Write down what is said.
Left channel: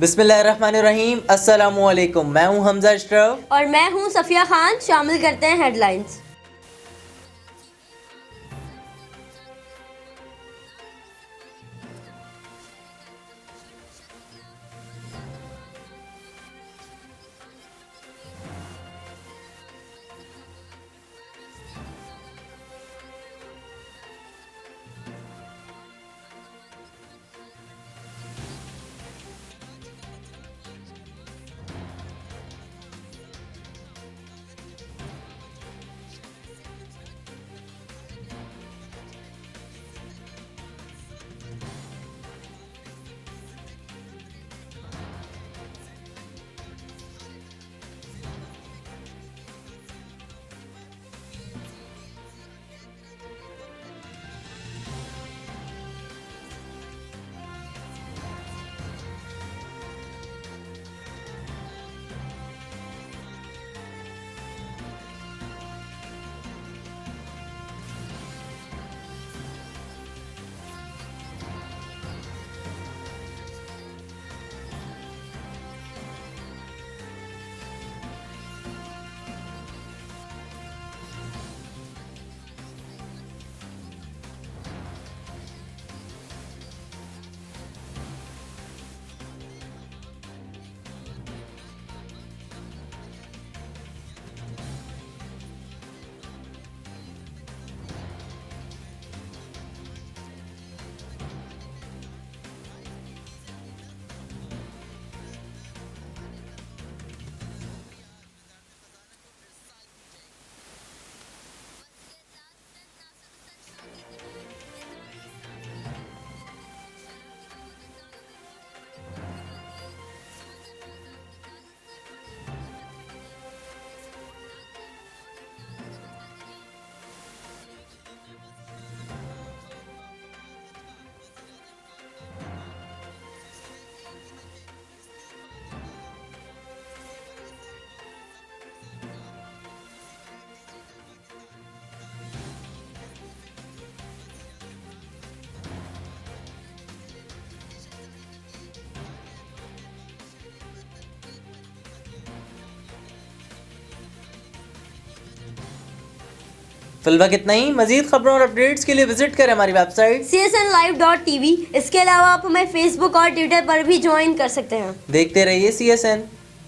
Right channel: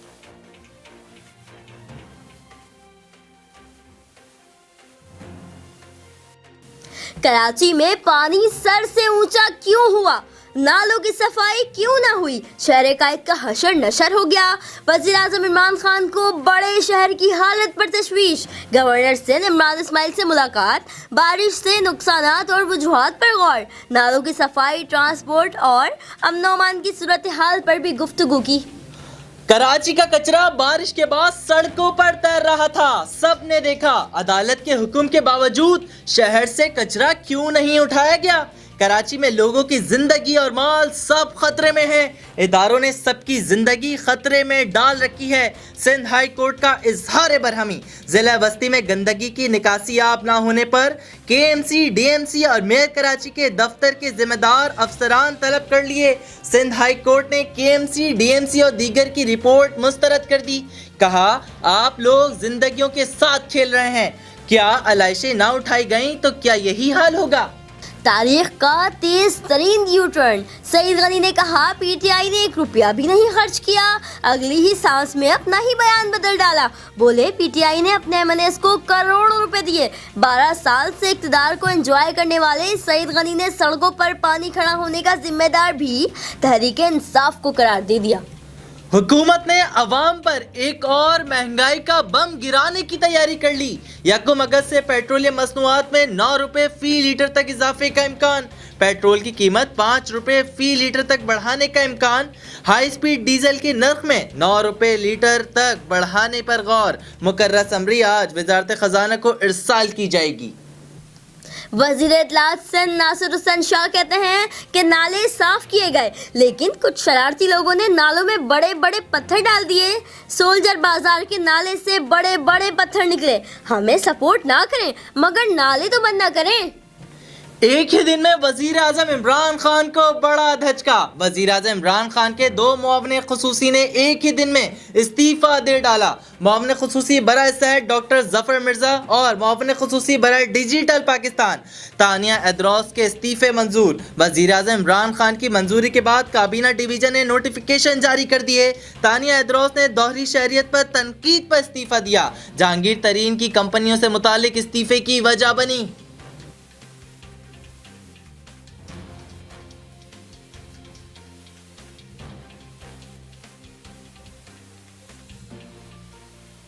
बिस्मिल्लाहिर्रहमानिर्रहीम, अस्सलामु अलैकुम। मैं हूं हमजा अशरफ और मैं हूं सफिया खान। शामिल करते हैं हेडलाइंस। कराची में पानी सर से ऊंचा क्यों हुआ? नालों की सफाई क्यों ना हुई? शहर कायद का हशर नशर हो गया। वज़ीर आज़म इमरान खान को बड़े शहर की हालत पर तशवीश। गवर्नर से इमरान इस्माइल से मुलाकात। बारिश से नुकसानात और वजूहात पर गौर। नालों की सफाई, ट्रांसपोर्ट और अमन ओ अमान की सूरत हाल पर भी गुफ्तगू की। कराची का कचरा बारिश के बाद सड़कों पर तैर रहा था। सबने देखा। अदालत के हुक्म के बावजूद शहर से कचरा क्यों नहीं उठाया गया? कराची में लोगों की जिंदगी और माल सब खतरे में है। इदारों ने सबकी जिंदगी खतरे में डाल रखी है। सिंध हाई कोर्ट का इजहार बरहमी। जिला बस्ती में गंदगी की निकासी आप ना होने पर केएमसी, डीएमसी और मेयर कराची के दफ्तर के जिम्मेदार अफसरान तलब कर लिए। सिंध हाई कोर्ट ने केएमसी, डीएमसी और दीगर की रिपोर्ट मुस्तरद कर दी। कहा, आप लोग जिंदगियों के साथ खेल रहे हैं। क्या आलाइशें ना उठाई गईं तो क्या यही हाल होगा? तारीख का तेज तरीन यू टर्न। सईद गनी ने कहा, पीटीआई ने 1 रुपया भी नहीं खर्च किया। अगली ही सांस में अपना ही बयान बदल डाला। बोले, पीटीआई ने अपने एमएनएस को करोड़ों रुपए दिए। 12 साल से इक्तदार को एंजॉय करने वाले सईद गनी ने सड़कों पर पानी खड़ा होने का जिम्मेदार भी तहरीक इंसाफ को करार दे दिया। हुकूमत ने अवाम पर एक और महंगाई का बम गिराने की तैयारी कर ली। 1 अगस्त से पेट्रोलियम मसनूआत में 9 रुपए फी लीटर तक इजाफे का इम्कान। पेट्रोल की कीमत 5 रुपए फी लीटर तक बढ़ाने का इम्कान। हाई स्पीड डीजल के नर्ख में 9 रुपए लीटर तक बढ़ाने पर गौर। मुकर्रर समरी आज वजारत खजाना को इरसाल की जाएगी। वज़ीर इत्तलात सन नासिर हुसैन शाह कहते हैं कि नाले साफ किए गए, लेकिन कुछ शरारती लोगों ने नालों में बड़े बड़े पत्थर डाल दिए। सोल्जर बाजार के नाले से बड़े बड़े पत्थर निकले। हमें सपोर्ट ना करें, मगर नाले तो बंद ना करें। एक ही दिन में वजीर आजम इमरान खान को बड़ा धचका। वजीर आजम इमरान खान के 2 मुआवने खुसूसी ने एक ही दिन में इस्तीफा दे डाला। मुआवने खुसूसी बराए सेहत डॉक्टर जफर मिर्जा और मुआवने खुसूसी बराए डिजिटल पाकिस्तान तानिया एदरोस के इस्तीफे मंजूर। वजीर आजम इमरान खान की मंजूरी के बाद काबीना डिवीजन ने नोटिफिकेशन जारी कर दिए। तानिया एदरोस ने दोहरी शहरियत पर तनकीद पर इस्तीफा दिया। जहांगीर तरीन की कंपनियों से मुतालिक इस्तीफे की वजह बनी। फिलहाल इतना ही। मजीद खबरों और अपडेट्स के लिए विजिट करें हमारी वेबसाइट csnlive.tv। इसके अलावा आप हमें फेसबुक और ट्विटर पर भी ज्वाइन कर सकते हैं। देखते रहिए CSN।